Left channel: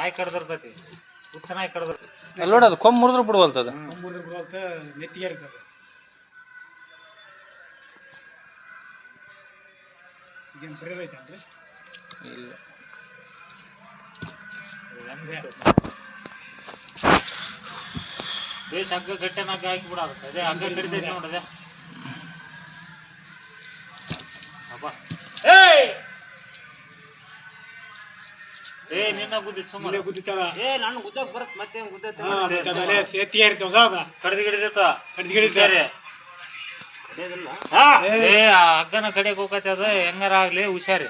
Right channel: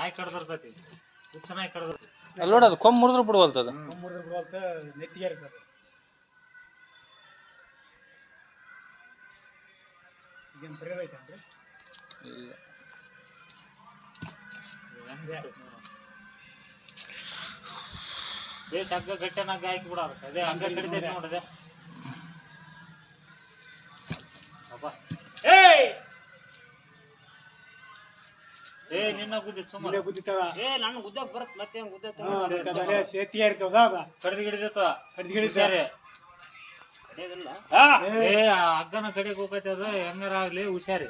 ನಾಯಿ ಕಡ್ದಿರ್ತೈತಿ ಹುಚ್ಚ ನಾಯಿ ಕಡ್ದಿರ್ತೈತಿ ಅಲ್ಲಿ ನೋಡಿ ಅದು ಕೊಂಬ್ ಮುರಿದ್ರು ಬಿಡುವಲ್ತದ ಮುರಿದ್ರೆ ಬಿಡುವಲ್ತ ನೆತ್ತಿಗೆ ಇರ್ತದೆ ಇದೇನು ಪ್ರೇರ್ ಐತೇನ್ರಿ ಇಲ್ಲ ಬೇಸ್ ಹಗ್ಗ ಗಟ್ಟೆನಾಗ ಹಾಕಿ ಬಿಡೋದು ಅದೇ ಹಗ್ಗ ಕಡಿತೈತಿ ನೋಡದೆ ಅಬ್ಬಾ ಏ ನಿನ್ನ ಗುದ್ದಿತ್ತು ಸುಮ್ಮನೆ ಗುದ್ದಿತ್ತವ ನಾನು ಗುದ್ದಕ್ ಬರತ್ ಮತ್ತೆ ಗುದ್ದತ್ತೆ ನೆತ್ತಿಗೆ ಇರ್ತವೆ ಸಾದ ಕಡ್ದು ಗಿಡಿದತ್ತ ಸರಿ ಏ ಆ ಹಗ್ಗನ ಕಡೆಗೆ ಹೋಗತ್ತೆ ಅದು ಹೆಂಗಾರ ಆಗ್ಲಿ ಹುಷಾರಿ